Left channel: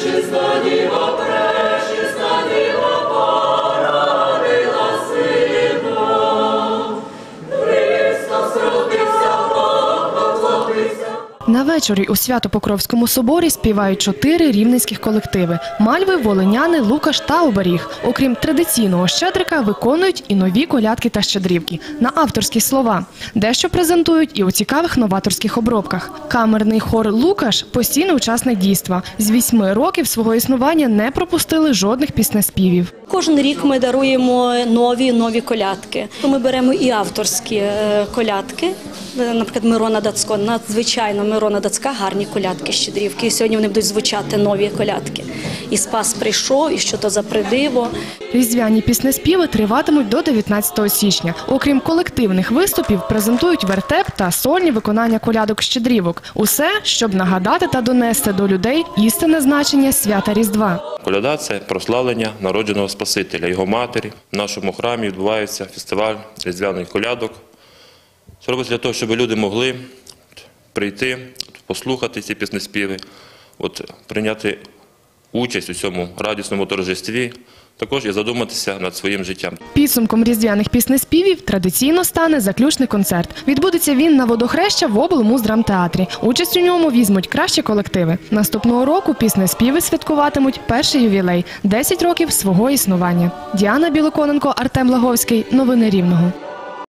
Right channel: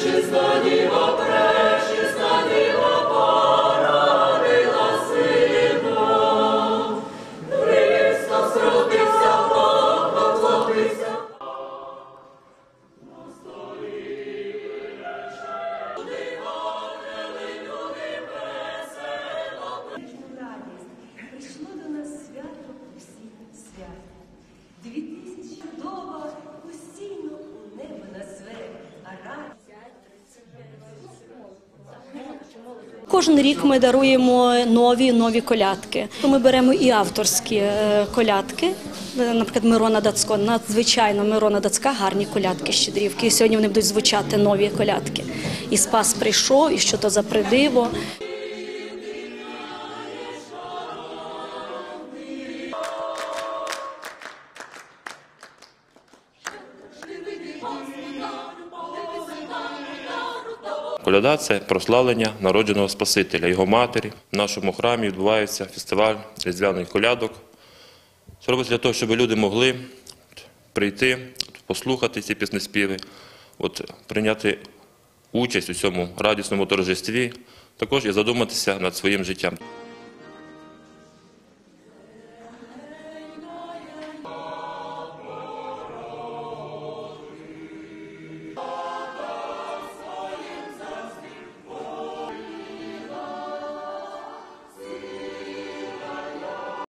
ще стані На вечорі у Свято-Покровському соборі співають чотири рівненських колективи: Мальви, Волиняни, Лукаш та Оберіг. Окрім традиційного щедрика, виконують і нові колядки та щедрівки на авторські слова. Дещо презентують і у цікавих новаторських обробках. Камерний хор Лукаш постійний учасник дійства. З вісьми років свого існування не пропустили жодних піснеспівів. Кожен рік ми даруємо нові нові колядки. Ми беремо і авторські е, колядки. Е, Наприклад, Мирона Дацько. Надзвичайно Мирона Дацька гарні колядки щедрівки. І сьогодні вони будуть звучати нові колядки. І Спас прийшов, і що то за придиво. Різдвяні піснеспіви триватимуть до 19 січня. Окрім колективних виступів, презентують вертеп та сольні виконання колядок-щедрівок. Усе, щоб нагадати та донести до людей істинне значення свята Різдва. Коляда це прославлення народженого Спасителя, його матері. В нашому храмі відбувається фестиваль різдвяних колядок. Це робиться для того, щоб люди могли прийти, послухати ці піснеспіви, от, прийняти участь у цьому радісному торжестві, також і задуматися над своїм життям. Підсумком різдвяних піснеспівів традиційно стане заключний концерт. Відбудеться він на водохреща в облмуздрамтеатрі. Участь у ньому візьмуть кращі колективи. Наступного року піснеспіви святкуватимуть перший ювілей 10 років свого існування. Діана Білоконенко, Артем Лаговський. Новини Рівного.